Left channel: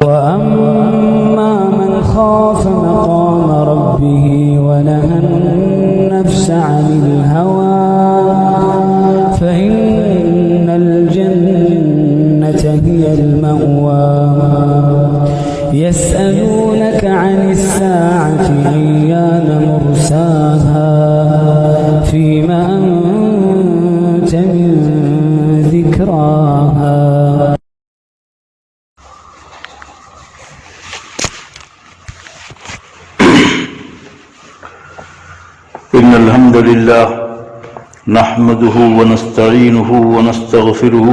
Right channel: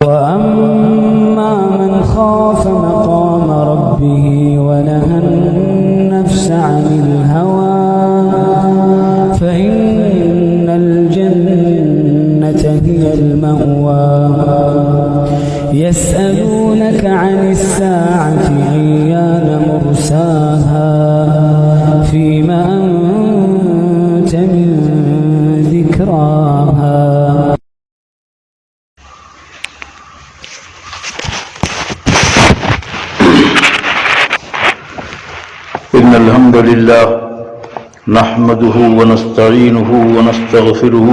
وأما من خاف مقام ربه ونهى النفس عن الهوى فإن الجنة هي المأوى يسألونك عن الساعة أيان مرساها فيما أنت من ذكراها إن الحمد لله نحمده ونستعينه ونستغفره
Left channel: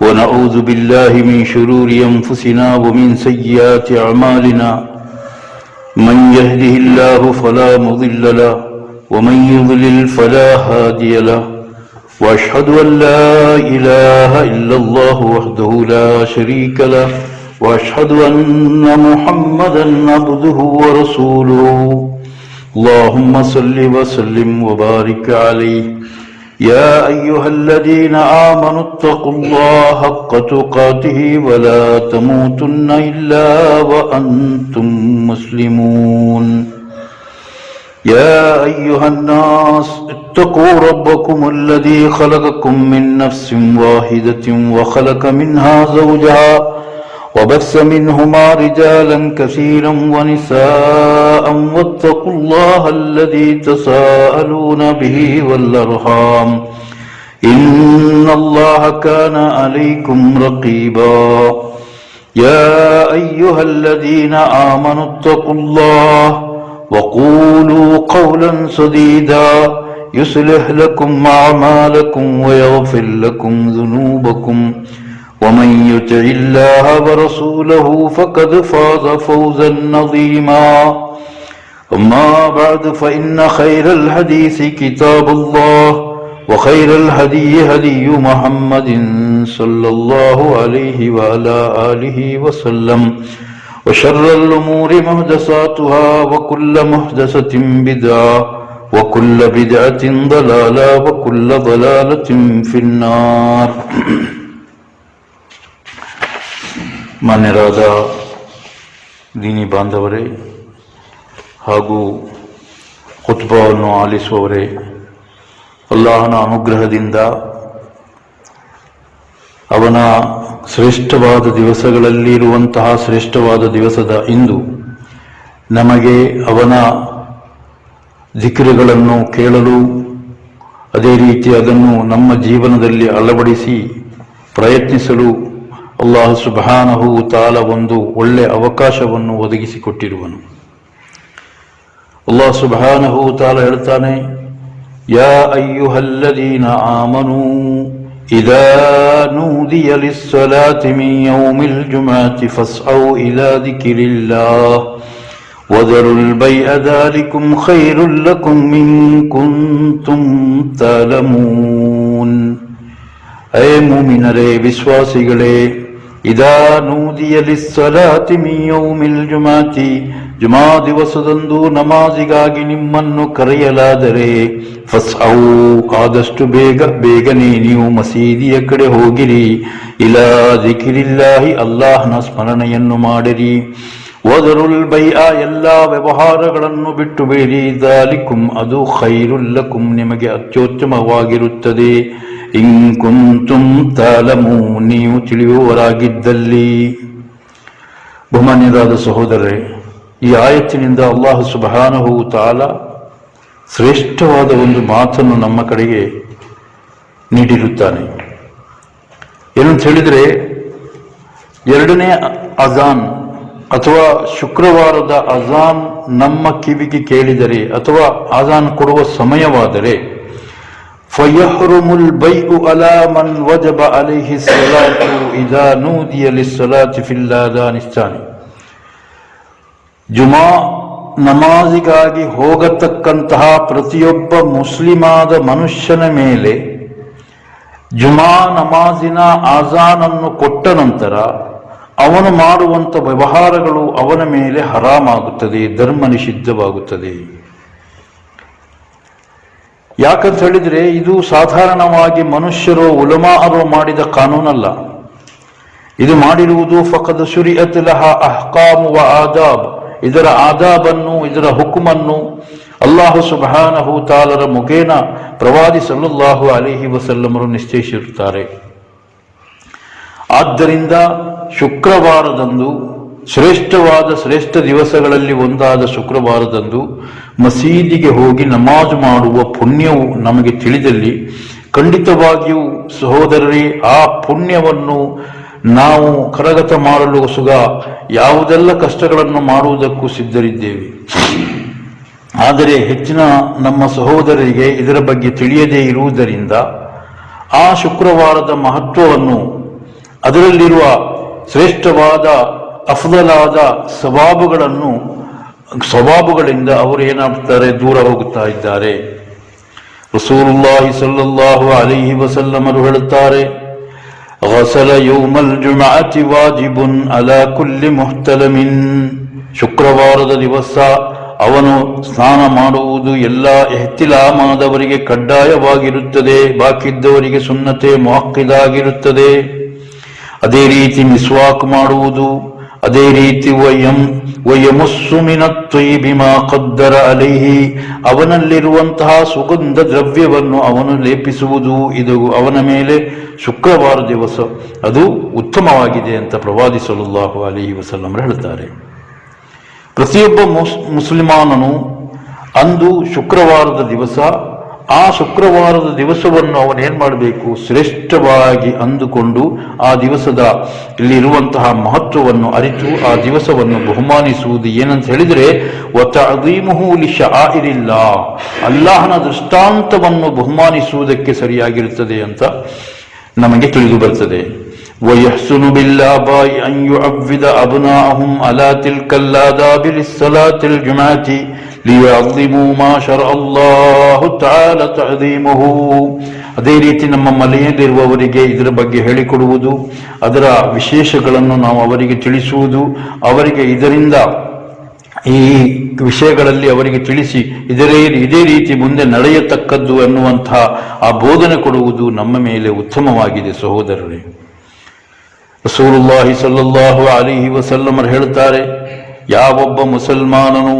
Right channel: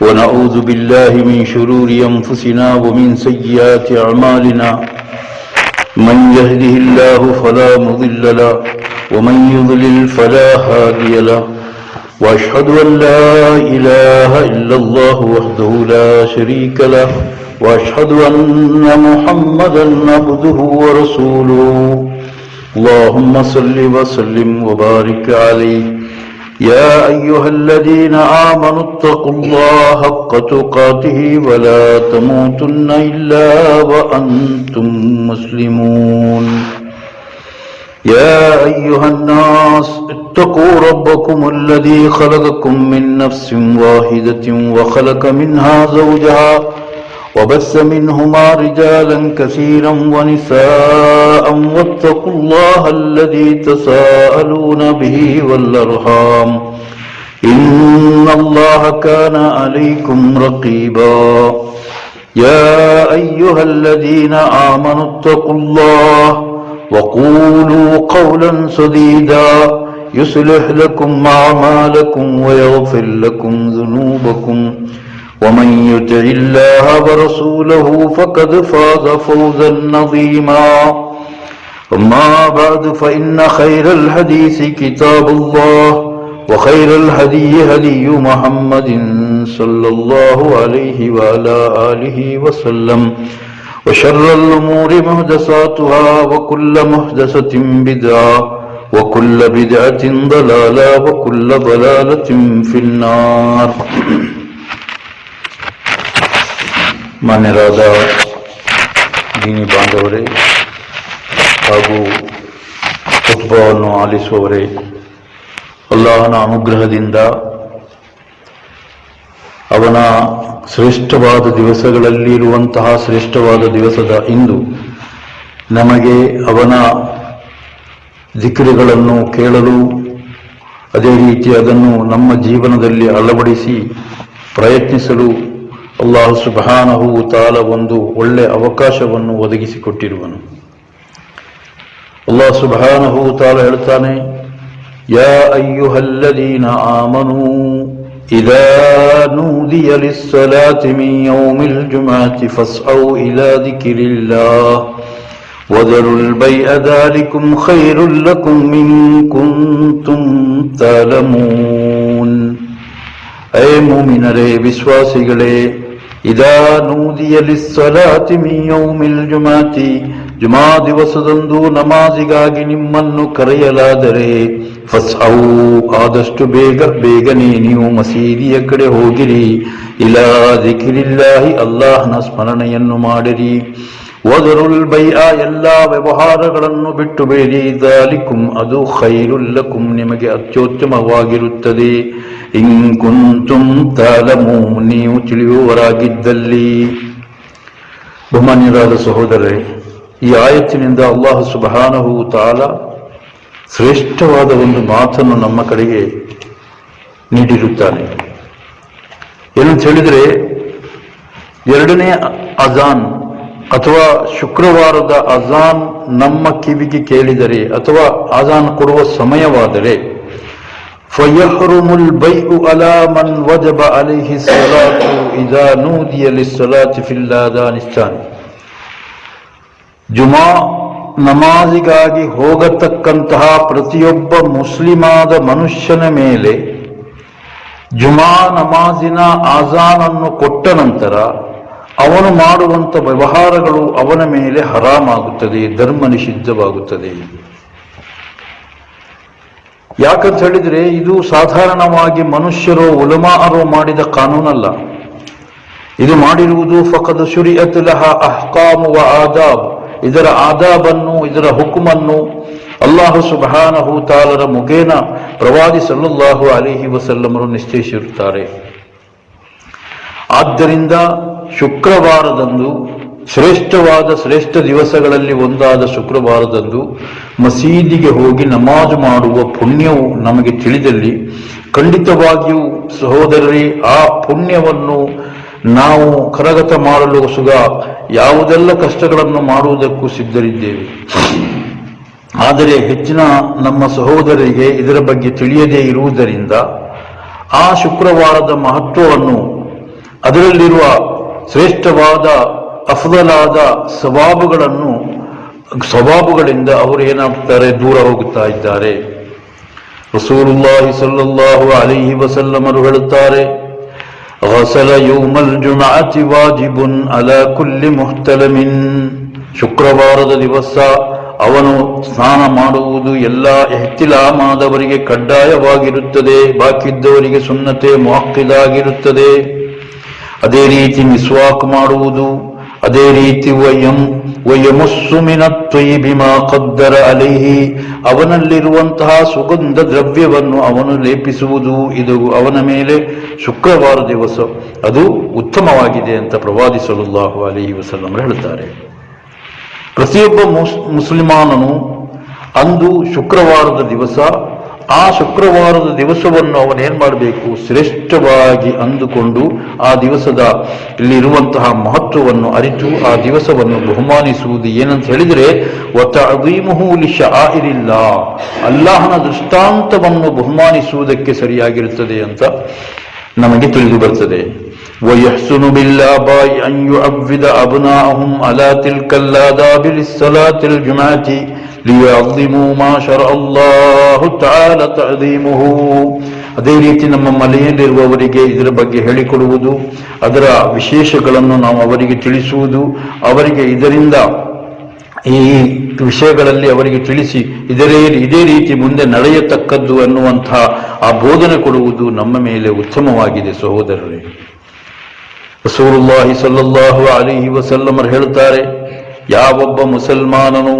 ونعوذ بالله من شرور أنفسنا ومن سيئات أعمالنا من يهده الله فلا مضل له ومن يضلل فلا هادي له وأشهد أن لا إله إلا الله وحده لا شريك له وأشهد أن محمدا عبده ورسوله اللهم صل وسلم وبارك عليه يا أيها الذين آمنوا اتقوا الله حق تقاته ولا تموتن إلا وأنتم مسلمون يا أيها الناس اتقوا ربكم الذي خلقكم من نفس واحدة وخلق منها زوجها وبث منهما رجالا كثيرا ونساء واتقوا الله الذي تساءلون به والأرحام إن الله كان عليكم رقيبا يا أيها الذين آمنوا اتقوا الله وقولوا قولا سديدا يصلح لكم أعمالكم ويغفر لكم ذنوبكم ومن يطع الله ورسوله فقد فاز فوزا عظيما أما بعد فإن خير الحديث كتاب الله وخير الهدي هدي محمد صلى الله عليه وعلى آله وسلم وشر الأمور محدثاتها وكل محدثة بدعة وكل بدعة ضلالة وكل ضلالة في النار. ಮಾನ್ಯರಾದ ದೀನಿ ಬಾಂಧವರೇ ಹಾಗೂ ಖುತ್ಬವನ್ನು ಆಲಿಸುವವರೇ, ಅಲ್ಲಾಹನ ಅನುಗ್ರಹದಿಂದ ಅವನ ಶ್ರೇಷ್ಠವಾದ ದಿವಸಗಳಲ್ಲಿ ಇರುವಂತಹ ಶ್ರೇಷ್ಠವಾದ ದಿವಸದ ಇಂದು ನಮಗೆ ಅವನ ಜಿಕ್ರುಗಳನ್ನು ಕೇಳಲು, ಅದೇ ರೀತಿ ಅದನ್ನು ನಮ್ಮ ಜೀವನದಲ್ಲಿ ಅಳವಡಿಸಿ ಪ್ರಯತ್ನಿಸಲು ಅಲ್ಲಾಹ್ ಸುಬ್ಹಾನಹು ತಾಲ ಒಂದು ಒಳ್ಳೆ ಅವಕಾಶವನ್ನು ಒದಗಿಸಿಕೊಟ್ಟಿರುವನು. ಅಲ್ಲಾಹ್ ಸುಬ್ಹಾನಹು ತಾಲ ಹೇಳ್ತಾನೆ, ಯಾ ಅಯ್ಯುಹಲ್ಲದೀನ ಆಮನೂ ಇದಾ ನೂದಿಯ ಲಿಸ್ಸಲಾತಿ ಮಿನ್ ಯೌಮಿಲ್ ಜುಮ್ಅತಿ ಫಸ್ಔ ಇಲಾ ದಿಕ್ರಿಲ್ಲಾಹ್ ವದರುಲ್ ಬೈಅ ದಾಲಿಕುಂ ಖೈರುಲ್ ಲಕುಂ ಇನ್ ಕುಂತುಂ ತಅಲಮೂನ್. ಐ ಮುಮಿನರೇ, ವಿಶ್ವಾಸಿಗಳೇ, ಇದಾ ನೂದಿಯ ಲಿಸ್ಸಲಾತಿ ಮಿನ್ ಯೌಮಿಲ್ ಜುಮ್ಅತಿ, ಜುಮಾ ದಿವಸದಂದು ನಮಾಜಿಗಾಗಿ ನಿಮ್ಮನ್ನು ಕರೆಯಲಾದರೆ ಫಸ್ಔ, ಆದಷ್ಟು ಬೇಗನೆ ನೀವು ಮಸೀದಿಯ ಕಡೆ ಹೋಗಿರಿ. ಇಲಾ ದಿಕ್ರಿಲ್ಲಾಹಿ, ಅಲ್ಲಾಹನ ಸ್ಮರಣೆಯನ್ನು ಮಾಡಿರಿ. ವದರುಲ್ ಬೈಅ, ಎಲ್ಲ ವ್ಯವಹಾರಗಳನ್ನು ಬಿಟ್ಟು ಬೇಡಿ. ದಾಲಿಕುಂ, ಅದು ಖೈರುಲ್ ಲಕುಂ, ನಿಮಗೆ ಅತ್ಯುತ್ತಮವಾಗಿರುತ್ತದೆ. ಇನ್ ಕುಂತುಂ ತಅಲಮೂನ್, ನೀವು ತಿಳಿಯುವವರಾಗಿದ್ದಲ್ಲಿ. ಬಹುಮಾನ್ಯರಾದ ಸಹೋದರರೇ, ಈ ಆಯತ್ತಿನಿಂದ ಅಲ್ಲಾಹ್ ಸುಬ್ಹಾನಹು ತಾಲ ಶ್ರೇಷ್ಠವಾದ ಒಂದು ಮಾತನ್ನು ನಮ್ಮ ಕಡೆಗೆ ನೀಡಿರುತ್ತಾನೆ. ಏನಂತ ಹೇಳಿದರೆ, ಎರಡನೇ ಅಜಾನ್ ಅಥವಾ ಶುಕ್ರವಾರದ ಅಜಾನ್ ನಮ್ಮ ಕಿವಿಗೆ ಕೇಳಿದರೆ ಅಥವಾ ಅಜಾನ್ ಕೊಡುವ ಸಮಯವಾದರೆ ಫಯಹ್ರುಮುಲ್ ಬೈഉ ಅಲಾ ಮನ್ ವಜಬ ಅಲೈಹಿ ಸಲಾತು ಇದಾ ನೂದಿಯ ಲಿಸ್ಸಲಾತಿ ಫಿಲ್ ಆದಾನಿಸ್ತಾನ್. ಜುಮಾ ನಮಾಜಿಗಾಗಿ ಹೋಗತಕ್ಕಂತಹ ಪ್ರತಿಯೊಬ್ಬ ಮುಸ್ಲಿಮಾದ ಮನುಷ್ಯನ ಮೇಲೆ ಜುಮಾ ನಮಾಜಿನ ಆಜಾನನ್ನು ಕೊಟ್ಟ ನಂತರ ಅವನು ಮಾಡುವಂಥ ವ್ಯವಹಾರಗಳು ಅವನ ಮೇಲೆ ಹರಾಮಾಗುತ್ತದೆ, ಧರ್ಮ ನಿಷಿದ್ಧವಾಗುತ್ತದೆ. ಯಾಕಂತ ಹೇಳಿದರೆ ಇದು ಸಾಧಾರಣವಾಗಿ ಮನುಷ್ಯರು ಉಲಮಾರು ಮಾಡಿದ ಕಾನೂನಲ್ಲ. ಇದು ಮಾಡಿರುವುದು ಫಕದ್ ಶುರಿಅತ್ ಲಹ ಅಹ್ಕಾಮು ವ ಆದಾಬ್, ಇದರ ಆದಾಬನ್ನು ಇದರ ಹುಕುಮನ್ನು ಅಲ್ಲಾಹು ಸುಬ್ಹಾನಹು ತಾಲರ ಮುಖೇನ ಪ್ರವಾದಿ ಸಲ್ಲಲ್ಲಾಹು ಅಲೈಹಿ ವಸಲ್ಲಮರು ನಿಶ್ಚಯಿಸಿರುತ್ತಾರೆ. ಆದ್ದರಿಂದ ಶುಕ್ರವಾರದಂದು ಶ್ರೇಷ್ಠ ದಿವಸಗಳಲ್ಲಿ ಒಂದಾದ ಶುಕ್ರವಾರದಂದು ಮಸೀದಿಗೆ ಹೋಗಿ ನಮಾಜು ಮಾಡುವ ಪುಣ್ಯವು ನಮಗೆ ತಿಳಿದಲ್ಲಿ ಖಂಡಿತವಾಗಿಯೂ ಸಹೋದರರೇ ಆ ಪುಣ್ಯವನ್ನು ನಾವು ಕರಗತ ಮಾಡಲು ಸುಗ ಯಾವುದೆಲ್ಲ ಕಷ್ಟಗಳನ್ನು ಮಾಡುವುದಕ್ಕೂ ಸಿದ್ಧರಿದ್ದೇವೆ. ಆದರೆ ಹೆಚ್ಚಿನ ನಮ್ಮ ಸಹೋದರರಿಗೆ ಇದರ ಬಗ್ಗೆ ತಿಳಿಯದೇ ಇರುವುದರಿಂದ ಆ ಶುಕ್ರವಾರದ ಮಹತ್ವವನ್ನು, ಅದರಲ್ಲಿರುವ ಶ್ರೇಷ್ಠವಾದ ಅಫ್ದಲಾದ ಸ್ವಭಾವಗಳಿಂದ ಅವರು ಏನಾಗ್ತಾರೆ, ದೂರ ಹೋಗುತ್ತಾ ಇದ್ದಾರೆ. ರಸೂಲುಲ್ಲಾಹಿ ಸಲ್ಲಲ್ಲಾಹು ಅಲೈಹಿ ವಸಲ್ಲಮರು ಹೇಳುತ್ತಾರೆ, ಗಸಲ ಯೌಮಲ್ ಜುಮಅತಿ ವಾಜಿಬುನ್ ಅಲಾ ಕುಲ್ಲಿ ಮುಹ್ತಲಮಿನ್. ಶುಕ್ರವಾರದ ದಿವಸ ಅವನು ಸ್ನಾನ ಮಾಡುವುದು ಎಲ್ಲ ಎಹ್ತಿಲಾಮಾದವರಿಗೆ ಕಡ್ಡಾಯವಾಗಿರುತ್ತದೆ, ಬಾಕಿದ್ದವರಿಗೆ ಸುನ್ನತೆ ಮುಅಕ್ಕಿದಾಗಿರುತ್ತದೆ. ಅದೇ ರೀತಿ ಮಿಸ್ವಾಕ್ ಮಾಡುವುದು, ಅದೇ ರೀತಿ ವಯಮುಸ್ಸು ಮಿನತ್ ತ್ವಯ್ಯಿಬಿ ಮಾ ಖದ್ದರ ಅಲೈಹಿ, ಅವನಲ್ಲಿರುವಂತಹ ಸುಗಂಧ ದ್ರವ್ಯವನ್ನು ಅವನು ಲೇಪಿಸುವುದು, ಇದು ಅವನ ಮೇಲೆ ಶುಕ್ರವಾರ ದಿವಸ ಅದು ಉತ್ತಮವಾಗಿದೆ ಅಂತ ಪ್ರವಾದಿ ಸಲ್ಲಲ್ಲಾಹು ಅಲೈಹಿ ವಸಲ್ಲಂ ಹೇಳುತ್ತಾರೆ. ಪ್ರತಿಯೊಬ್ಬ ಮುಸಲ್ಮಾನನು ಅಂದು ಶುಕ್ರವಾರದ ದಿವಸ, ಆ ಶುಕ್ರವಾರದ ದಿವಸವನ್ನು ಅವನೇನ್ ಮಾಡಬೇಕು, ಶ್ರೇಷ್ಠವಾಗಿ ಅಂದುಕೊಂಡು ಆ ದಿವಸದ ಇಲ್ಲಿರುವಂತಹ ಮಹತ್ವವನ್ನು ಅರಿತು ಆ ದಿವಸವನ್ನು ಬಹುಮಾನಿಸುವುದು. ಏನಂತ ಹೇಳಿದರೆ ವತಅದೀಮುಹು ಲಿಶಆಯಿರಿಲ್ಲಾ, ಅಲ್ಲಾಹನ ದೃಷ್ಟಾಂತವನ್ನು ಬಹುಮಾನಿಸುವುದಕ್ಕೆ ಸರಿಯಾಗಿರುತ್ತದೆ ಅಂತ ನಮಗೆ ತಿಳಿದು ಬರ್ತದೆ. ವಯಹ್ಸುನು ಬಿಲ್ಲಾಬಾಯಿ ಅನ್ ಯುಅವ್ವಿದ ಅಬ್ನಾಅಹುಂ ಅಲಾ ತಿಲ್ಕಲ್ ಆದಾಬಿ ಲಿಸ್ಸಲಾತಿಲ್ ಜುಮಅತಿ ಲಿಯಅಝಿಮು ಮಾ ಶರಅ ಅಲ್ಲಾಹು ತಆಲ ತಅದೀಮುಹು. ಅದೇ ರೀತಿ ನಮ್ಮ ಮನೆಯಲ್ಲಿರುವವರಿಗೆ ಇದರ ಬಗ್ಗೆ ಹೇಳಿಕೊಡುವುದು, ಅದರ ವಿಶೇಷಗಳನ್ನು ನಾವು ಅವರಿಗೆ ತಿಳಿಸುವುದು, ಅವರಿಗೆ ಇದರಿಂದ ಈ ವಿಷಯಗಳಲ್ಲಿ ಅವರಿಗೆ ತಿಳಿಸಿ ಇದೇ ರೀತಿ ಮುಂದೆ ನಡೆಯತಕ್ಕದ್ದು ಅನ್ನುವಂತಹ ಆ ಬೋಧನೆ ಕೊಡುವುದು ನಮ್ಮ ಮೇಲೆ ಉತ್ತಮವಾಗಿದೆ. ಸಹೋದರರೇ, ರಸೂಲುಲ್ಲಾಹಿ ಸಲ್ಲಲ್ಲಾಹು ಅಲೈಹಿ ವಸಲ್ಲಮರು ಹೇಳುತ್ತಾರೆ, ಯಾವೊಬ್ಬ ಮುಸಲ್ಮಾನನು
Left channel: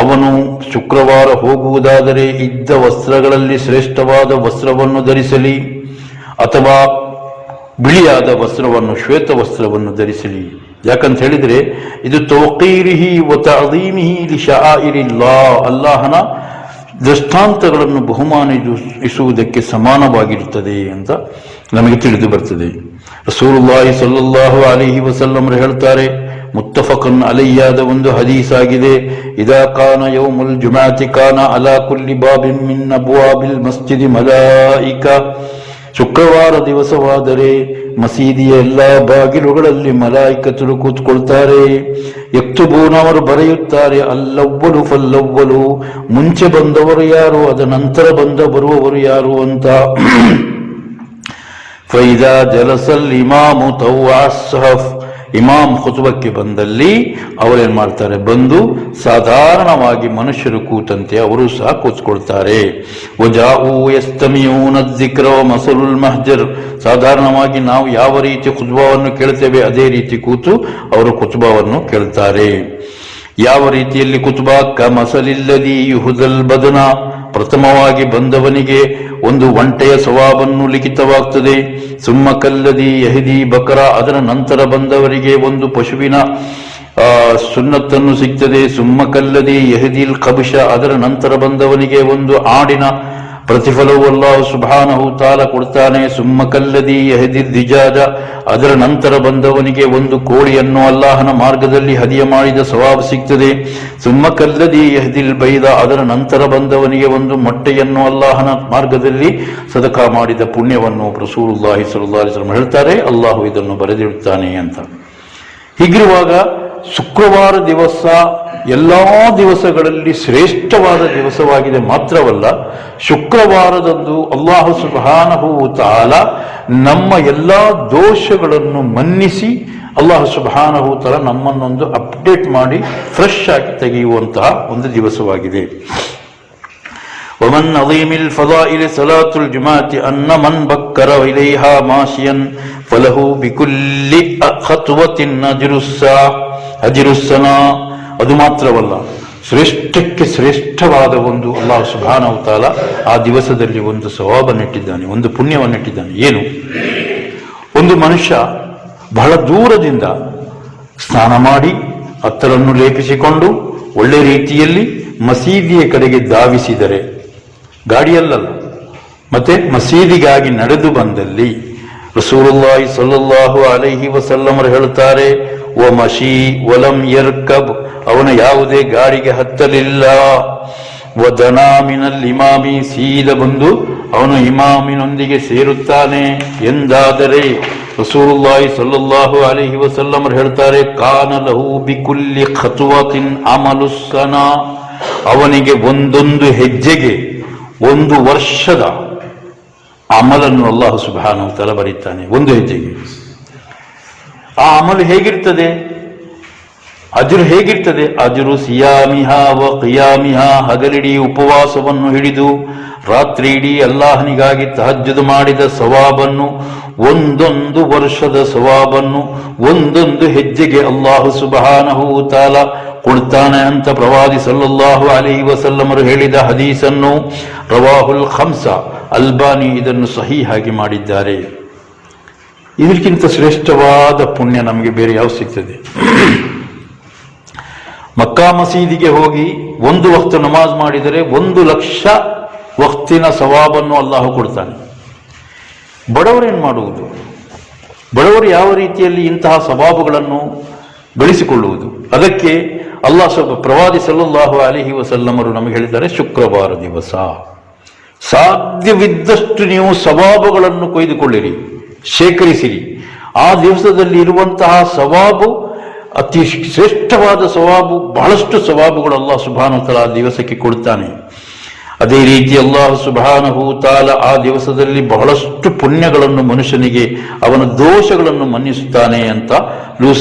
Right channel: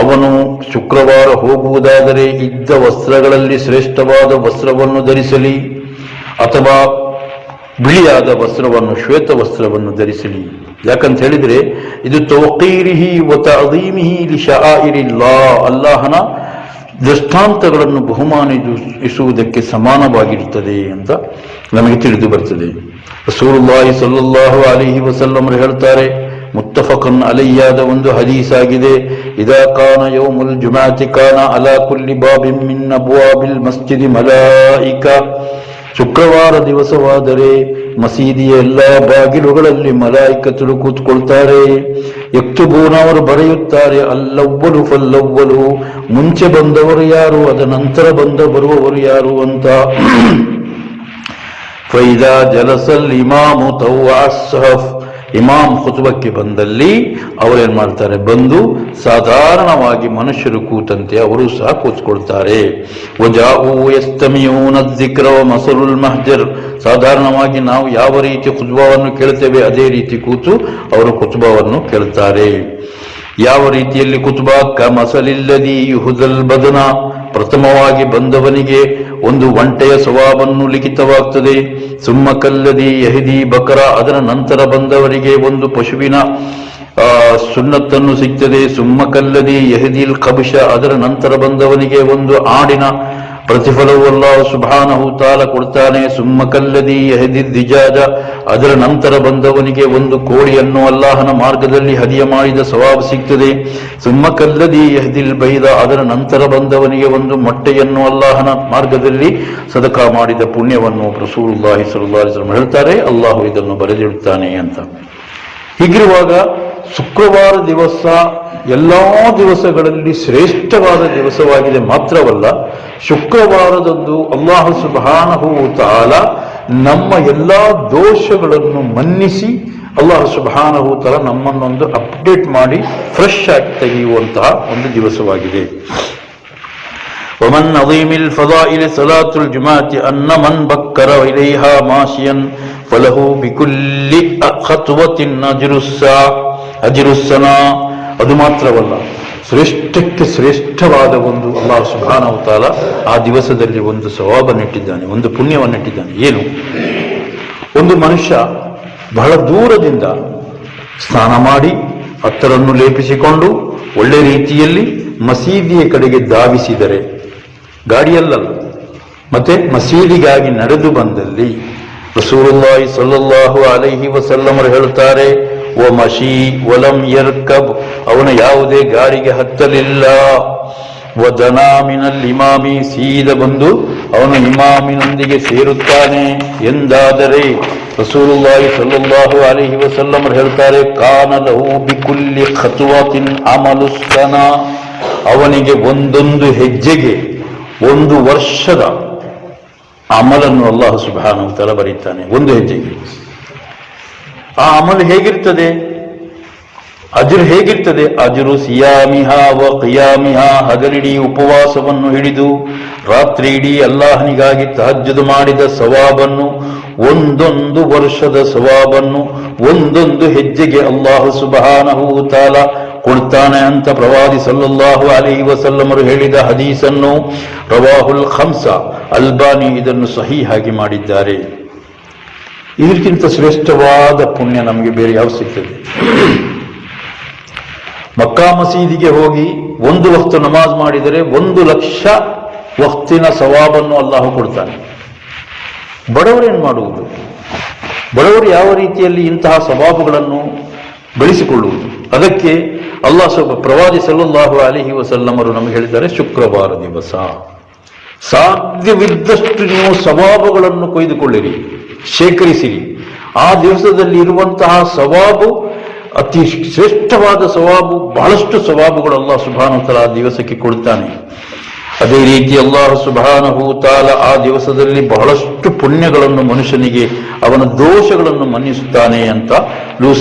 ಅವನು ಶುಕ್ರವಾರ ಹೋಗುವುದಾದರೆ ಇದ್ದ ವಸ್ತ್ರಗಳಲ್ಲಿ ಶ್ರೇಷ್ಠವಾದ ವಸ್ತ್ರವನ್ನು ಧರಿಸಲಿ, ಅಥವಾ ಬಿಳಿಯಾದ ವಸ್ತ್ರವನ್ನು, ಶ್ವೇತ ವಸ್ತ್ರವನ್ನು ಧರಿಸಲಿ. ಯಾಕಂತ ಹೇಳಿದ್ರೆ ಇದು ತೌಕೀರಿಹಿ ವ ತಅದೀಮಿಹಿ ಲಿಶಆಯಿರಿಲ್ಲಾಹ್, ಅಲ್ಲಾಹನ ದೃಷ್ಟಾಂತಗಳನ್ನು ಬಹುಮಾನಿಸುವುದಕ್ಕೆ ಸಮಾನವಾಗಿರುತ್ತದೆ ಅಂತ ನಮಗೆ ತಿಳಿದು ಬರ್ತದೆ. ರಸೂಲುಲ್ಲಾಹಿ ಸಲ್ಲಲ್ಲಾಹು ಅಲೈಹಿ ವಸಲ್ಲಂ ಹೇಳ್ತಾರೆ, ಮುತ್ತಫಕನ್ ಅಲೈಯಾದ ಒಂದು ಹದೀಸ್ ಆಗಿದೆ, ಇದಾ ಕಾನ ಯೌಮುಲ್ ಜುಮಅತಿ ಕಾನ ಅಲಾ ಕುಲ್ಲಿ ಬಾಬಿನ್ ಮಿನ್ ಅಬ್ವಾಬಿಲ್ ಮಸ್ಜಿದಿ ಮಲಾಯಿಕಾ. ಶುಕ್ರವಾರ ದಿವಸವಾದರೆ ಮಸೀದಿಯ ಎಲ್ಲ ಬಾಗಿಲುಗಳಲ್ಲಿ ಮಲಾಯಿಕತರು ಕೂತ್ಕೊಳ್ತಾರೆ. ಯಕ್ತುಬೂನ, ಅವರು ಬರೆಯುತ್ತಾರೆ, ಅಲ್ಲವ್ವಲು ಫಲ್ಲವ್ವಲು, ಮುಂಚೆ ಬಂದವರು ಯಾರು, ಅದ ನಂತರ ಬರುವವರು ಯಾರು ಅಂತ. ಫೈದಾ ಜಲಸಲ್ ಇಮಾಮು ತವ್ವಾ ಸಹಫ್, ಇಮಾಮ್ ಖುತ್ಬಕ್ಕೆ ಬಂದಲ್ಲಿ ಅವರೇನ್ ಮಾಡ್ತಾರೆ, ಬಂದು ಸಾಧಾರಣವಾಗಿ ಮನುಷ್ಯರು ಕೂತಂತೆ ಅವರು ಸಹ ಕೂತ್ಕೊಳ್ತಾರೆ. ವಜಾಊ ಯಸ್ತಮಿಯೂನ ಜಿಕ್ರ ವ ಮಸಲುಲ್ ಮಹ್ಜರ್, ಸಾಧಾರಣವಾಗಿ ನಾವು ಯಾವ ರೀತಿ ಖುತ್ಬವನ್ನು ಕೇಳ್ತೇವೆ ಅದೇ ರೀತಿ ಕೂತು ಅವರು ಖುತ್ಬವನ್ನು ಕೇಳ್ತಾರೆ. ಯಾವ ರೀತಿಯಲ್ಲಿ ಖುತ್ಬಾ, ಕಮಸಲಿಲ್ಲದಿ ಯುಹುದಲ್ ಬದನ, ಪ್ರಥಮವಾಗಿ ಬಂದವನಿಗೆ ಒಂದು ಒಂಟೆಯ ಸವಾಬನ್ನು ಲಿಖಿತವಾಗ್ತದೆ. ಸುಮ್ಮ ಕಲ್ಲದಿ ಯಹಿದಿ ಬಕರ, ಅದರ ನಂತರ ಬಂದವರಿಗೆ ಒಂದು ಪಶುವಿನ ಸುನ್ನತ್ತನ್ನು ಸಿಗ್ತದೆ. ಸುಮ್ಮ ಕಲ್ಲದಿ ಯಹಿದಿಲ್ ಕಬುಷ, ಅದರ ನಂತರ ಬಂದವನಿಗೆ ಒಂದು ಆಡಿನ ಪ್ರತಿಫಲವು ಅಲ್ಲಾಹು ಸುಬ್ಹಾನಹು ತಾಲ ಕೊಡ್ತಾನೆ. ಸುಮ್ಮ ಕಲ್ಲದಿ ಯಹದಿ ದಿಜಾಜ, ಅದರ ನಂತರ ಬಂದವನಿಗೆ ಒಂದು ಕೋಳಿಯನ್ನು ಅಲ್ಲಾಹನ ಮಾರ್ಗದಲ್ಲಿ ಹದಿಯ ಮಾಡಿದ ಸವಾಬ್ ಸಿಗ್ತದೆ. ಸುಮ್ಮ ಕಲ್ಲದಿ ಯಹದಿಲ್ ಬೈದ, ಅದರ ನಂತರ ಬಂದವನಿಗೆ ಒಂದು ಮೊಟ್ಟೆಯನ್ನು ಅಲ್ಲಾಹನ ಮಾರ್ಗದಲ್ಲಿ ಸದಕಾ ಮಾಡಿದ ಪುಣ್ಯವನ್ನು ರಸೂಲುಲ್ಲಾಹಿ ಸಲ್ಲಲ್ಲಾಹು ಅಲೈಹಿ ವಸಲ್ಲಂ ಹೇಳ್ತಾರೆ, ಅಲ್ಲಾಹು ಇದನ್ನು ಬರೆದಿಡುತ್ತಾನೆ ಅಂತ. ಹೀಗಿರುವಾಗ ಶುಕ್ರವಾರ ದಿವಸ ಎಲ್ಲಾ ದಿವಸಗಳಲ್ಲಿ ಶ್ರೇಷ್ಠವಾದ ದಿವಸವಾಗಿದೆ. ಮಾತ್ರವಲ್ಲ, ಶುಕ್ರವಾರದಂದು ಅಲ್ಲಾಹು ಸುಬ್ಹಾನಹು ತಆಲ ನಮ್ಮ ಎಲ್ಲಾ ದೋಷಗಳನ್ನು ಮನ್ನಿಸಿ ಅಲ್ಲಾಹು ಸುಬ್ಹಾನಹು ತಆಲ ನಮ್ಮನ್ನೊಂದು ಅಪ್ಡೇಟ್ ಮಾಡಿ ಫ್ರೆಶ್ ಆಗಿ ತೆಗೆಯುವಂತಹ ಒಂದು ದಿವಸವಾಗಿದೆ. ومن عظيم الفضائل صلاة الجمعة أن من بكر إليها ماشيا فله بكل خطوة أجر السنة. ಅದು ಮಾತ್ರವಲ್ಲ, ಶ್ರೇಷ್ಠಕ್ಕೆ ಶ್ರೇಷ್ಠವಾದ ಒಂದು ಅಲ್ಲಾಹ್ ಸುಬ್ಹಾನಹು ವ ತಆಲಾ ಆ ದಿವಸದಲ್ಲಿ ಒಂದು ಸವಾಬನ್ನಿಟ್ಟಿದ್ದಾನೆ, ಒಂದು ಪುಣ್ಯವನ್ನಿಟ್ಟಿದ್ದಾನೆ. ಏನು? ಒಂದು ಮನುಷ್ಯ ಬಹಳ ದೂರದಿಂದ ಸ್ನಾನ ಮಾಡಿ ಅತ್ತರನ್ನು ಲೇಪಿಸಿಕೊಂಡು ಒಳ್ಳೆ ರೀತಿಯಲ್ಲಿ ಮಸೀದಿಯ ಕಡೆಗೆ ಧಾವಿಸಿದರೆ, ಗಾಡಿಯಲ್ಲಲ್ಲ, ಮತ್ತೆ ಮಸೀದಿಗಾಗಿ ನಡೆದು ಬಂದಲ್ಲಿ ರಸೂಲುಲ್ಲಾಹಿ ಸಲ್ಲಲ್ಲಾಹು ಅಲೈಹಿ ವಸಲ್ಲಮರು ಹೇಳುತ್ತಾರೆ, ವ ಮಶಿ ವಲಂ ಯರ್ಕಬ್, ಅವನು ಯಾವುದೇ ಗಾಡಿಗೆ ಹತ್ತಲಿಲ್ಲ. ವದನಾ ಮಿನಲ್ ಇಮಾಮಿ, ಸೀದ ಬಂದು ಅವನು ಇಮಾಮಿನೊಂದಿಗೆ ಸೇರುತ್ತಾನೆ ಎಂದಾದರೆ ರಸೂಲುಲ್ಲಾಹಿ ಸಲ್ಲಲ್ಲಾಹು ಅಲೈಹಿ ವಸಲ್ಲಮರು ಹೇಳ್ತಾರೆ, ಕಾನ ಲಹು ಬಿಕುಲ್ಲಿ ಖತ್ವತಿನ್ ಅಮಲು ಸನಾ, ಅವನಿಗೆ ಒಂದೊಂದು ಹೆಜ್ಜೆಗೆ ಒಂದು ವರ್ಷದ ಅಮಲನ್ನು ಅಲ್ಲಾಹ್ ಸುಬ್ಹಾನಹು ವ ತಆಲಾ ಬರೀತಾನೆ. ಒಂದು ಹೆಜ್ಜೆಗೆ ಆ ಅಮಲು ಹೇಗಿರ್ತದೆ, ಅಜ್ರು ಹೇಗಿರ್ತದೆ? ಅಜ್ರು ಸಿಯಾಮಿಹಾ ವ ಕಿಯಾಮಿಹಾ, ಹಗಲಿಡೀ ಉಪವಾಸವನ್ನು ಹಿಡಿದು ರಾತ್ರಿ ಇಡೀ ಅಲ್ಲಾಹನಿಗಾಗಿ ತಹಜ್ಜುದ್ ಮಾಡಿದ ಸವಾಬನ್ನು, ಒಂದೊಂದು ವರ್ಷದ ಸವಾಬನ್ನು ಒಂದೊಂದು ಹೆಜ್ಜೆಗೆ ಅಲ್ಲಾಹು ಸುಬ್ಹಾನಹು ವ ತಆಲಾ ಕೊಡ್ತಾನೆ ಅಂತ ಪ್ರವಾದಿ ಸಲ್ಲಲ್ಲಾಹು ಅಲೈಹಿ ವಸಲ್ಲಮರು ಹೇಳಿದ ಹದೀಸನ್ನು ರವಾಹುಲ್ ಖಮ್ಸ, ಅಲ್ಬಾನಿ ಇದನ್ನು ಸಹೀಹಾಗಿ ಮಾಡಿದ್ದಾರೆ. ಇದಕ್ಕಿಂತ ಶ್ರೇಷ್ಠವಾದ ಪುಣ್ಯ ನಮಗೆ ಬೇರೆ ಯಾವ ಸಿಗ್ತದೆ? ಮಕ್ಕಾ ಮಸೀದಿಗೆ ಹೋಗಿ ಒಂದು ವಕ್ತ ನಮಾಜ್ ಮಾಡಿದರೆ 1,00,000 ವಕ್ತಿನ ಸವಾಬನ್ನು ಅಲ್ಲಾಹು ಕೊಡ್ತಾನೆ. ಬಡವರೇನು ಮಾಡುವುದು? ಬಡವರು ಯಾವ ರೀತಿಯಲ್ಲಿ ಇಂತಹ ಸವಾಬುಗಳನ್ನು ಬೆಳೆಸಿಕೊಳ್ಳುವುದು? ಅದಕ್ಕೆ ಪ್ರವಾದಿ ಸಲ್ಲಲ್ಲಾಹು ಅಲೈಹಿ ವಸಲ್ಲಮರು ನಮಗೆ ಹೇಳಿದ್ದಾರೆ, ಶುಕ್ರವಾರ ದಿವಸ ಸಾಧ್ಯವಿದ್ದಷ್ಟು ನೀವು ಸವಾಬುಗಳನ್ನು ಕೊಯ್ದುಕೊಳ್ಳಿರಿ, ಶೇಖರಿಸಿರಿ. ಆ ದಿವಸದಲ್ಲಿ ಇರುವಂತಹ ಸವಾಬು ಅತಿ ಶ್ರೇಷ್ಠವಾದ ಸವಾಬು, ಬಹಳಷ್ಟು ಸವಾಬುಗಳು ಅಲ್ಲಾಹ್ ಸುಬ್ಹಾನಹು ವ ತಆಲಾ ಆ ದಿವಸಕ್ಕೆ ಕೊಡ್ತಾನೆ. ಅದೇ ರೀತಿ ಅಲ್ಲಾಹ್ ಸುಬ್ಹಾನಹು ವ ತಆಲಾ ಆ ದಿವಸದಲ್ಲಿ ಬಹಳಷ್ಟು ಪುಣ್ಯಗಳನ್ನು ಮನುಷ್ಯನಿಗೆ, ಅವನ ದೋಷಗಳನ್ನು ಮನ್ನಿಸುತ್ತಾನೆ ಅಂತ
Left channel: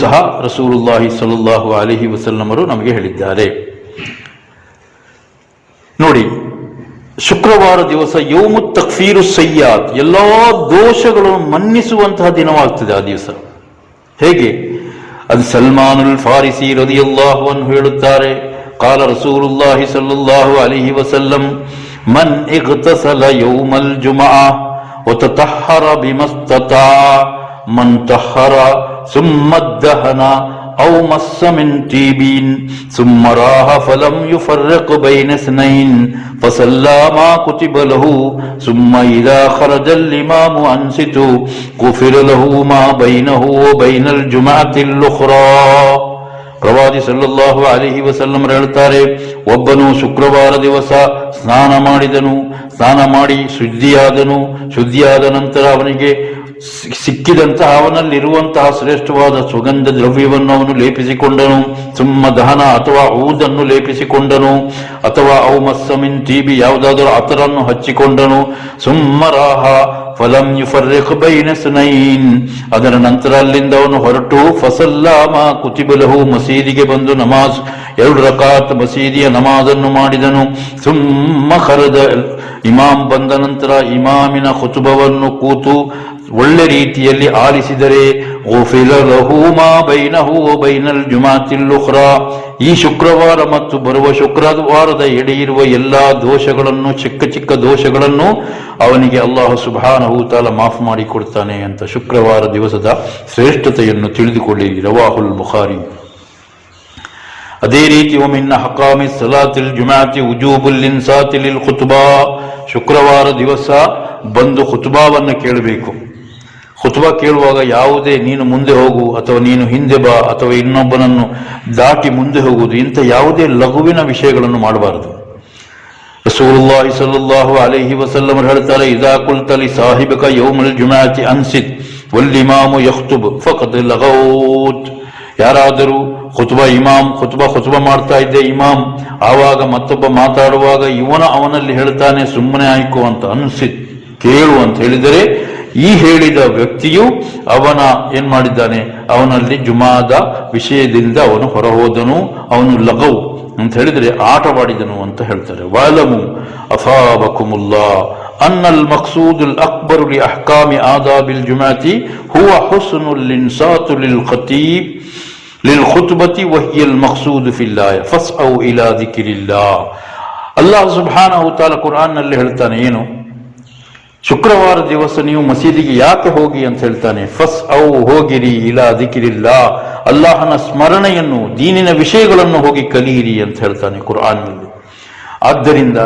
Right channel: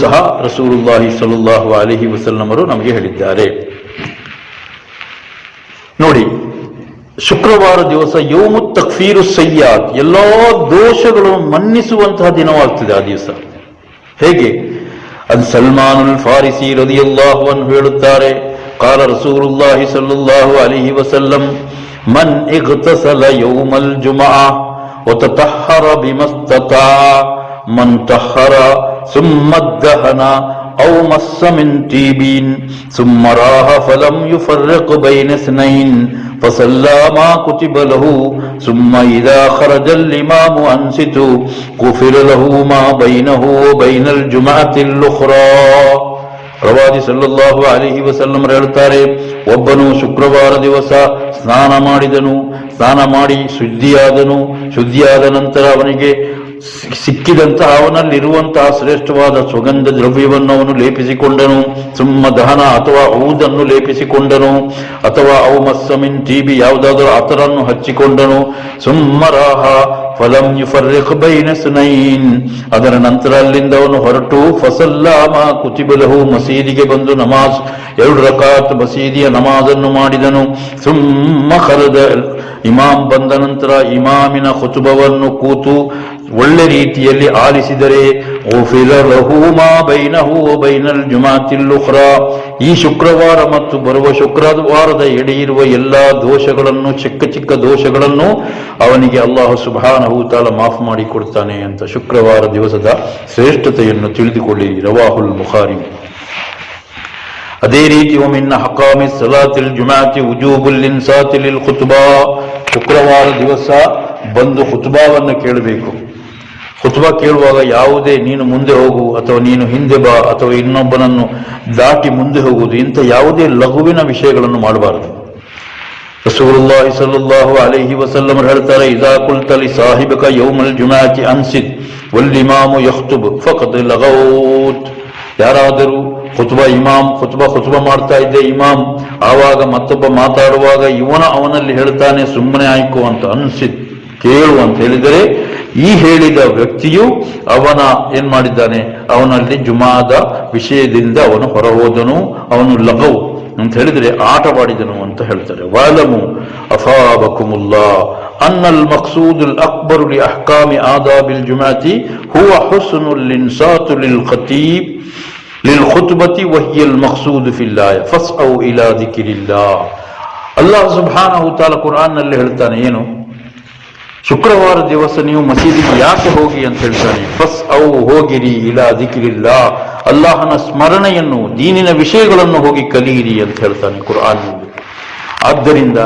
ಸಹ ರಸೂಲುಲ್ಲಾಹಿ ಸಲ್ಲಲ್ಲಾಹು ಅಲೈಹಿ ವಸಲ್ಲಮರು ನಮಗೆ ಹೇಳಿದ್ದಾರೆ. ನೋಡಿ, ಶುಕ್ರವಾರ ದಿವಸ ಯೌಮು ತಕ್ಫೀರು ಸಯ್ಯಾತ್, ಎಲ್ಲಾ ದೋಷಗಳನ್ನು ಮನ್ನಿಸುವಂತಹ ದಿನವಾಗ್ತಿದೆ ಆ ದಿವಸ. ಹೇಗೆ? ಅದು ಸಲ್ಮಾನ್ ಅಲ್ ಫಾರಿಸಿ ರದಿಯಲ್ಲಾಹು ಅನ್ಹು ಹೇಳುತ್ತಾರೆ, قال رسول الله صلى الله عليه وسلم من اغتسل يوم الجمعة وتطهر بما استطاع من طهر ثم ادهن أو مس من طيب ثم راح فلم يفرق بين اثنين فصلى ما كتب له ثم إذا خرج الإمام أنصت غفر له ما بينه وبين الجمعة الأخرى. ಪ್ರವಾದಿ ಸಲ್ಲಲ್ಲಾಹು ಅಲೈಹಿ ವಸಲ್ಲಂ ಹೇಳ್ತಾರೆ, ಒಬ್ಬನು ಶುಕ್ರವಾರ ದಿವಸ ಸ್ನಾನ ಮಾಡಿದನು, ಸ್ನಾನ ಮಾಡಿ ಶುದ್ಧಿಯಾದ ನಂತರ ಅವನಿಗೆ ಸಿಕ್ಕಿದಂತಹ ಅವನಲ್ಲಿರುವಂತಹ ಶ್ರೇಷ್ಠವಾದ ಸುಗಂಧ ದ್ರವ್ಯವನ್ನು ಅವನು ಲೇಪಿಸಿಕೊಂಡನು. ಸುಮ್ಮ ದಹನ ಅಥವಾ ಔದನ್ನು ಲೇಪಿಸಿಕೊಂಡನು, ಅಥವಾ ಔ ಮಸ್ಸಮಿನ್ ತೀಬಿ ಯಾವುದಾದರೂ ಅತರನ್ನು ಹಚ್ಚಿಕೊಂಡನು. ಸುಮ್ಮರಾಹ ಫಲಂ ಯುಫರ್ರಿಖ್ ಬೈನ ಸುನೈನ್, ಅದರ ನಂತರ ಅಲ್ಲಿಂದ ಅವನು ಹೊರಟು ಫಸಲ್ಲಾಮ ಕುತಿಬಲಹು, ಮಸೀದಿಗೆ ಬಂದು ನಮಾಜ್ 2 ರಕಾತ್ ಮಸೀದಿಯ ನಮಾಜನ್ನು ಮಾಡಿದನು. ಸುಮ್ಮ ಖರದ, ಇಮಾಮ್ ಬಂದ ನಂತರ ಇಮಾಮಿನ ಖುತುಬವನ್ನು ಕೂತು ಒಳ್ಳೆ ರೀತಿಯಲ್ಲಿ ಆಲಿಸಿದರೆ ಈ ಶುಕ್ರವಾರ ಮತ್ತು ಬರುವ ಶುಕ್ರವಾರದ ಎಡೆ ಇರುವ ಎಲ್ಲಾ ದೋಷಗಳನ್ನು, ಚಿಕ್ಕ ಚಿಕ್ಕ ದೋಷಗಳನ್ನು ಅವನಿಗೆ ಅಲ್ಲಾಹು ಸುಬ್ಹಾನಹು ವ ತಆಲಾ ಮಾಫ್ ಮಾಡಿ ಕೊಡ್ತಾನೆ ಅಂತ ಶುಕ್ರವಾರ ದಿವಸದ ಶ್ರೇಷ್ಠತೆಯನ್ನು ತಿಳಿದುಕೊಳ್ಳಿರಿ. ರವಾಹುಲ್ ಬುಖಾರಿ. ಅದೇ ರೀತಿ ಒಮಿನ್ನ ಹಕಾಮಿ ಸಲಾತಿಲ್ ಜುಮಾತಿ ಉಜೂಬುಲ್ ಇನ್ಸಾತಿ ಲಿಲ್ ಖುತ್ಬಾ, ಶುಕ್ರವಾರ ದಿವಸ ಬಂದು ಖುತ್ಬಾವನ್ನು ಕೇಳಬೇಕು. ಖುತ್ಬಾ ಕೇಳುವಾಗ ಯಾವುದೇ ನೀನು ಮುಂದೆ ಹೋಗು ಅಥವಾ ನೀನು ಹಿಂದೆ ಬಾ ಅಥವಾ ಇನ್ನೊಬ್ಬನನ್ನು ದಾಟಿ ಮುಂದೆ ಹೋಗುವುದು, ಇಂಥ ಯಾವುದೇ ಲಘುವಿನ ವಿಷಯಗಳನ್ನು ಮಾಡಬಾರದು. ರಸೂಲುಲ್ಲಾಹಿ ಸಲ್ಲಲ್ಲಾಹು ಅಲೈಹಿ ವಸಲ್ಲಂ ಹೇಳ್ತಾರೆ, ಇದಾ ಕುಲ್ತ ಲಿ ಸಾಹಿಬಕ ಯೌಮಲ್ ಜುಮಾತಿ ಅನ್ಸಿತ್ ವಲ್ ಇಮಾಮು ಯಖ್ತುಬ್ ಫಕದ್ ಲಗೌತ್. ಯಾರಾದರೂ ಖುತ್ಬಾ ಮಾಡ್ತಾ ಇದ್ದೆ ಇಮಾಮ್, ಆವಾಗ ಮತ್ತೊಬ್ಬ ಮಾತಾಡುವಾಗ ಅವನಲ್ಲಿ ಹೇಳ್ತಾನೆ ಸುಮ್ಮನೆ ಆಯ್ಕೋ ಅಂತ, ಅನ್ಸಿತ್ ಕೇಳು ಅಂತ ಹೇಳಿದರೆ ಈ ಹೇಳಿದ ವ್ಯಕ್ತಿಯು ಏನ್ ಮಾಡಿದ್ದಾನೆ, ಅವನಲ್ಲಿ ಜುಮಾದ ವಿಷಯದಿಂದ ಅವನು ಹೊರಹೋದನು, ಅವನು ಲಘು ಅಂತ ಹೇಳಿದ್ರೆ ಆಟವಾಡಿದನು ಅಂತ ಹೇಳ್ತಾರೆ. ವಅಲಮು ಅಫಾಬಕುಮುಲ್ಲಾ ಅನ್ನಲ್ ಮಕ್ಸೂದುಲ್ ಅಕ್ಬರು ಲಿ ಅಹ್ಕಾಮಿ ಆದಾಬಿಲ್ ಜುಮಾತಿ ಹುವ ಹುಸ್ನುಲ್ ಇನ್ಸಾತು ಲಿಲ್ ಖತೀಬ್ ಲಿಲ್ ಖುತ್ಬತಿ ವಹಿಯಲ್ ಮಕ್ಸೂದು ಫಿಲ್ಲಾಹ್ ಫಸ್ಔ ಇಲಾ ದಿಕ್ರಿಲ್ಲಾಹ್. ಅಲ್ಲಾಹ್ ಸುಬ್ಹಾನಹು ತಆಲಾ ಕುರ್ಆನ್ನಲ್ಲಿ ಹೇಳ್ತಾನೆ, ಏನು ಶುಕ್ರವಾರ ದಿವಸ ನೀವು ಮಸೀದಿಗೆ ಯಾಕೆ ಹೋಗಿ ಅಂತ ಹೇಳ್ತಾನೆ. ಫಸ್ ಹೋಗಿರಿ ಇಲಾ ದಿಕ್ರಿಲ್ಲಾಹ್, ಅಲ್ಲಾಹನ ಸ್ಮರಣೆಯನ್ನು, ದೀನಿನ ವಿಷಯಗಳನ್ನು ಹೋಗಿ ಕಲಿಯಿರಿ ಅಂತ ಹೇಳ್ತಾನೆ ಕುರ್ಆನ್ನಲ್ಲಿ. ಆದ್ದರಿಂದ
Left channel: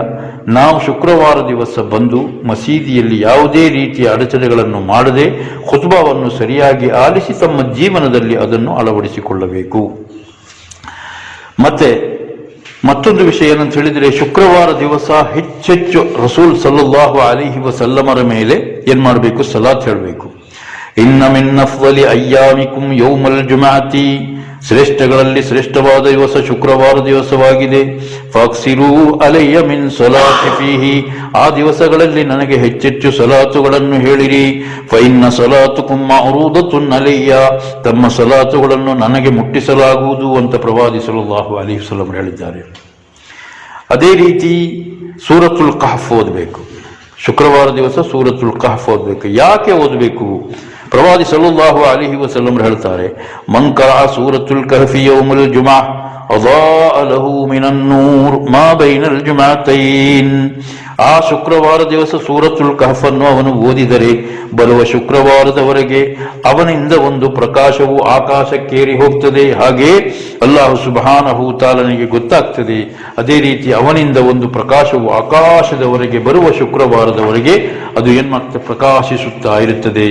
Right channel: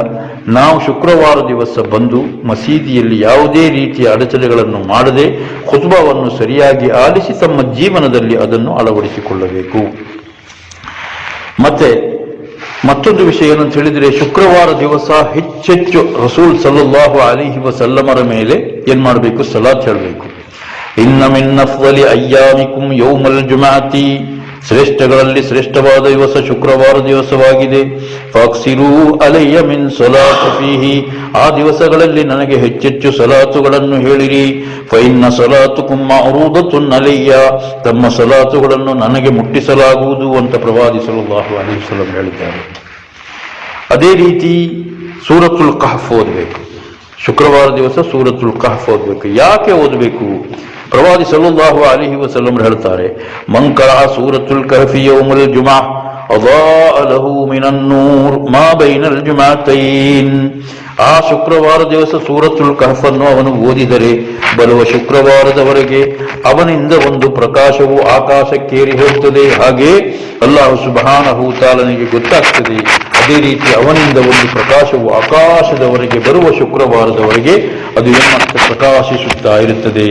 ನಾವು ಶುಕ್ರವಾರ ದಿವಸ ಬಂದು ಮಸೀದಿಯಲ್ಲಿ ಯಾವುದೇ ರೀತಿಯ ಅಡಚಣೆಗಳನ್ನು ಮಾಡದೆ ಖುತ್ಬಾವನ್ನು ಸರಿಯಾಗಿ ಆಲಿಸಿ ತಮ್ಮ ಜೀವನದಲ್ಲಿ ಅದನ್ನು ಅಳವಡಿಸಿಕೊಳ್ಳಬೇಕು. ಮತ್ತೆ ಮತ್ತೊಂದು ವಿಷಯ ಏನಂತ ಹೇಳಿದ್ರೆ, ಶುಕ್ರವಾರ ದಿವಸ ಹೆಚ್ಚೆಚ್ಚು ರಸೂಲ್ ಸಲ್ಲಲ್ಲಾಹು ಅಲೈಹಿ ವಸಲ್ಲಮರ ಮೇಲೆ ಏನ್ ಮಾಡಬೇಕು, ಸಲಾತ್ ಹೇಳಬೇಕು. ಇನ್ನ ಮಿನ್ ಅಫ್ದಲಿ ಅಯ್ಯಾಮಿಕುಂ ಯೌಮಲ್ ಜುಮಾತಿ, ಶ್ರೇಷ್ಠಗಳಲ್ಲಿ ಶ್ರೇಷ್ಠವಾದ ದಿವಸ ಶುಕ್ರವಾರ ದಿವಸವಾಗಿದೆ. ಫಾಕ್ಸಿರೂ ಅಲಯ್ಯ ಮಿನ್ ಸಲಾತಿ ಫೀಹಿ, ಆ ದಿವಸಗಳಲ್ಲಿ ನನಗೆ ಹೆಚ್ಚೆಚ್ಚು ಸಲಾತುಗಳನ್ನು ಹೇಳಿರಿ. ಫೈನ್ನ ಸಲಾತುಕುಂ ಮಅರೂದತುನ್ ಅಲಯ್ಯ, ತಮ್ಮ ಸಲಾತುಗಳನ್ನು ನನಗೆ ಮುಟ್ಟಿಸಲಾಗುವುದು ಅಂತ ಪ್ರವಾದಿ ಸಲ್ಲಲ್ಲಾಹು ಅಲೈಹಿ ವಸಲ್ಲಂ ಹೇಳಿದ್ದಾರೆ. ಅದೇ ರೀತಿ ಸೂರತುಲ್ ಕಹಫ್ ಓದಬೇಕು. ಶುಕ್ರವಾರ ದಿವಸ ಸೂರತುಲ್ ಕಹಫ್ ಓದಬೇಕು. ಯಾಕೆ ಓದಬೇಕು? ಪ್ರವಾದಿ ಸಲ್ಲಲ್ಲಾಹು ಅಲೈಹಿ ವಸಲ್ಲಂ ಹೇಳ್ತಾರೆ, ಮನ್ ಕರಾ ಸೂರತುಲ್ ಕಹಫಿ ಯೌಮಲ್ ಜುಮಾ ಅದಾಅ ಲಹು ಮಿನನ್ ನೂರ್ ಮಾ ಬೈನಲ್ ಜುಮಾತೈನ್. ಆ ಶುಕ್ರವಾರ ದಿವಸ ಸೂರತುಲ್ ಕಹಫ್ ಅನ್ನು ಅವನು ಓದಿದರೆ ಬರುವ ಶುಕ್ರವಾರದವರೆಗೆ ಅವನಿಂದ ಒಂದು ಪ್ರಕಾಶವು ಆಕಾಶಕ್ಕೇರಿ ಹೋಗ್ತದೆ. ಹಾಗೆ ಅಲ್ಲಾಹು ಸುಬ್ಹಾನಹು ತಆಲನಿಗೆ ಗೊತ್ತಾಗ್ತದೆ. ಅದೇ ರೀತಿ ಅವನಿಂದ ಒಂದು ಪ್ರಕಾಶವು ಆಕಾಶದವರೆಗೆ ಬರುವ ಶುಕ್ರವಾರದವರೆಗೆ ಅದು ಏನ್ಮಾಡ್ತದೆ, ಪ್ರಕಾಶಿಸುತ್ತಾ ಇರುತ್ತದೆ.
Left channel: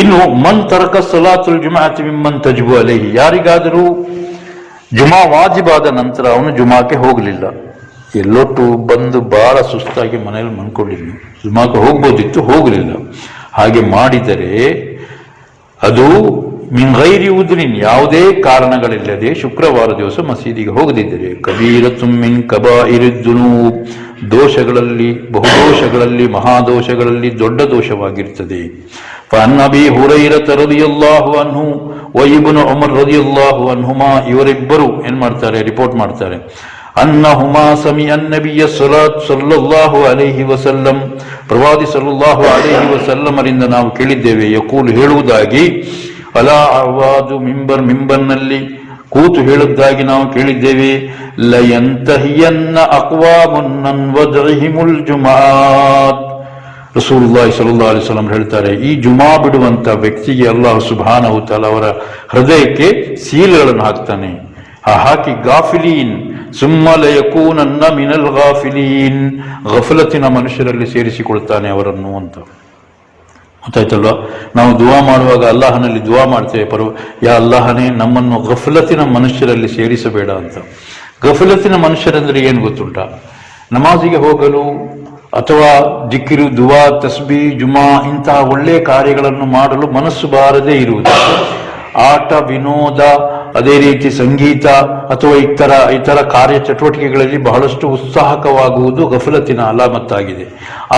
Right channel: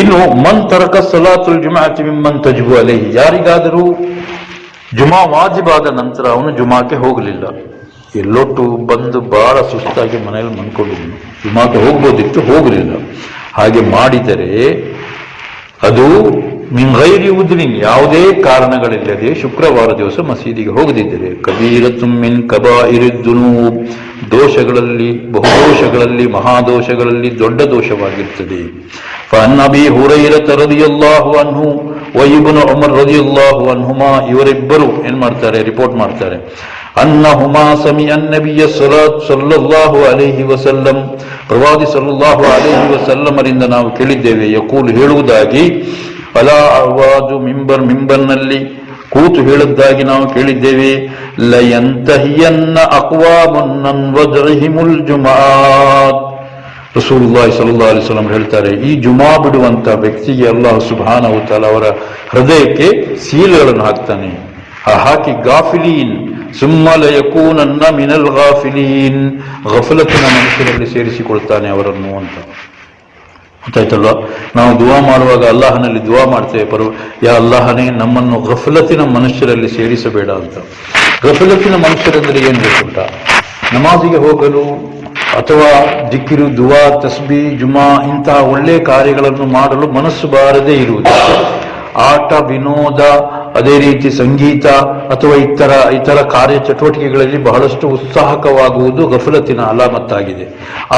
ಇನ್ನು ಮನ್ ತರಕ ಸಲಾತುಲ್ ಜುಮಾಅತಿ ಮಿಮ್ಮನ್ ತಜಿಬು ಅಲೈಹಿ, ಯಾರಿಗಾದರೂ ಜುಮಾ ವಾಜಿಬಾದ ನಂತರ ಅವನು ಜುಮಾಕ್ಕೆ ಹೋಗಲಿಲ್ಲ, ಎಲ್ಲೊಟ್ಟು ಬಂದು ಬಹಳ ಸುಸ್ತಾಗಿ ಮನೆಯಲ್ಲಿ ಮನ್ಕೊಂಡಿದ್ನು, ಜುಮಾಕ್ಕೆ ಹೋಗ್ಬೋದಿತ್ತು, ಹೋಗಲಿಲ್ಲ. ಹಾಗೆ ಮಾಡಿದರೆ ಅದು ಮಿನ್ ಗೈರಿ ಉದ್ರಿನ್, ಯಾವುದೇ ಕಾರಣಗಳಿಲ್ಲದೆ ಶುಕ್ರವಾರ ದಿವಸ ಮಸೀದಿಗೆ ಹೋಗದಿದ್ದರೆ ಕಬೀರತುಂ ಮಿನ್ ಕಬಾಯಿರಿದ್ ದುನೂಬ್, ದೋಷಗಳಲ್ಲಿ, ಬಹುದೋಷಗಳಲ್ಲಿ, ಮಹಾದೋಷಗಳಲ್ಲಿ ದೊಡ್ಡ ದೋಷವಾಗಿರ್ತದೆ. ಫಅನ್ ಅಬೀ ಹುರೈರತ ರದಿಯಲ್ಲಾಹು ಅನ್ಹು ವ ಇಬ್ನು ಉಮರ್ ರದಿಯಲ್ಲಾಹು ಅನ್ಹುಮಾ, ಇವರಿಬ್ಬರು ಏನ್ ಮಾಡ್ತಾರೆ, ರಿಪೋರ್ಟ್ ಮಾಡ್ತಾರೆ, ಅನ್ನಹುಮಾ ಸಮಿಅ ನಬಿಯ ಸಲ್ಲಲ್ಲಾಹು ಅಲೈಹಿ ವಸಲ್ಲಂ, ಪ್ರವಾದಿ ಸಲ್ಲಲ್ಲಾಹು ಅಲೈಹಿ ವಸಲ್ಲಮರಿಂದ ನಾವು ಕೇಳಿದ್ದೇವೆ, ಯಕೂಲ್ ಹೇಳುವುದಾಗಿ, ಅಲಾ ಅವಾದು ಮಿಂಬರ್, ಮಿಂಬರ್ನಲ್ಲಿ ಕೂತು ಹೇಳುವುದಾಗಿ ನಾವು ಕೇಳಿದ್ದೇವೆ, ಲಯಂತಹಿಯನ್ನ ಅಕ್ವಾಮುನ್ ಅನ್ ವಜ್ಹಿಮುಲ್ ಜುಮಾತ್. ರಸೂಲುಲ್ಲಾಹಿ ಸಲ್ಲಲ್ಲಾಹು ಅಲೈಹಿ ವಸಲ್ಲಂ ಹೇಳ್ತಾರೆ, ಈ ಜುಮಾ ಬಿಡುವಂತ ವ್ಯಕ್ತಿಗೆ ಅಲ್ಲಾಹ್ ಸುಬ್ಹಾನಹು ತಆಲಾ ಅವರ ಹೃದಯಕ್ಕೆ ಸೀಲ್ಗಳನ್ನು ಹಾಕ್ತಾನೆ. ಹಾಕಿ ಗಾಫಿಲೀನ್ ಸುಮ್ಮ ಲಯಕೂನನ್ನ ಮಿನಲ್ ಗಾಫಿಲೀನ್, ಗಫಲತಿನ ಮನುಷ್ಯರಲ್ಲಿ ಸೇರಿಸಿಕೊಳ್ತಾನೆ ಅವರನ್ನು ಅಂತ. ಗೊತ್ತಾಯ್ತಲ್ವಾ? ನಾವು ದುವಾ ಮಾಡುವಾಗ ಅಲ್ಲಾಹನಲ್ಲಿ ದುವಾ ಮಾಡ್ತೇವೆ, ಯಾ ಅಲ್ಲಾಹನೇ ನಮ್ಮನ್ನು ಗಫಲತಿನ ಮನುಷ್ಯರಲ್ಲಿ ಸೇರಿಸಬೇಡ ಅಂತ. ಗಫಲತಿನ ಮನುಷ್ಯರಂದ್ರೆ ಏನ್ ಬೇಕುಂಟ, ನಮಾಜಿಗೆ ಹೋಗಲು ಅಥವಾ ದಿಕ್ಕಿರು, ದುವಾ, ತಸ್ಬಿ, ಜುಮಾ ಇಂತಹ ಒಳ್ಳೆಯ ಕಾರ್ಯಗಳನ್ನು ಮಾಡಲು ಮನಸ್ಸು ಬಾರದೇ ಇರುವುದು, ಆಟ ವಿನೋದ, ಅದೇ ರೀತಿ ಸಂಗೀತ ಅಥವಾ ಇತರ ಕಾರ್ಯ ಚಟುವಟಿಕೆಗಳಲ್ಲಿ ಬಹಳಷ್ಟು ಉತ್ಸಾಹಕವಾಗುವುದು ಗಫಲತಿನ ಅಲಾಮತ್ತಾಗಿದೆ.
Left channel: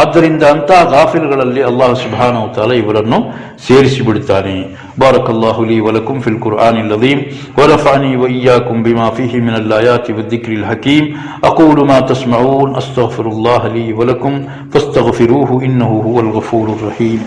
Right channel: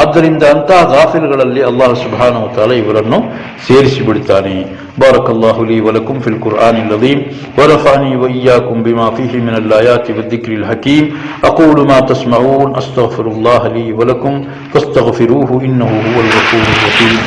ಆದ್ದರಿಂದ ಅಂತಹ ಗಾಫಿಲ್ಗಳಲ್ಲಿ ಅಲ್ಲಾಹ್ ಸುಬ್ಹಾನಹು ತಆಲಾ ಇವರನ್ನು ಸೇರಿಸಿಬಿಡುತ್ತಾನೆ. ಬಾರಕಲ್ಲಾಹು ಲೀ ವಲಕುಂ ಫಿಲ್ ಕುರ್ಆನಿಲ್ ಅಜೀಮ್ ವ ನಫಅನಿ ವ ಇಯ್ಯಾಕುಂ ಬಿಮಾ ಫೀಹಿ ಮಿನಲ್ ಆಯಾತಿ ವದ್ದಿಕ್ರಿಲ್ ಹಕೀಮ್. ಅಕೂಲು ಮಾ ತಸ್ಮಊನ್ ಅಸ್ತಗ್ಫಿರುಲ್ಲಾಹ ಲೀ ವಲಕುಂ ಫಸ್ತಗ್ಫಿರೂಹು ಇನ್ನಹು ಹುವಲ್ ಗಫೂರುರ್ ರಹೀಮ್.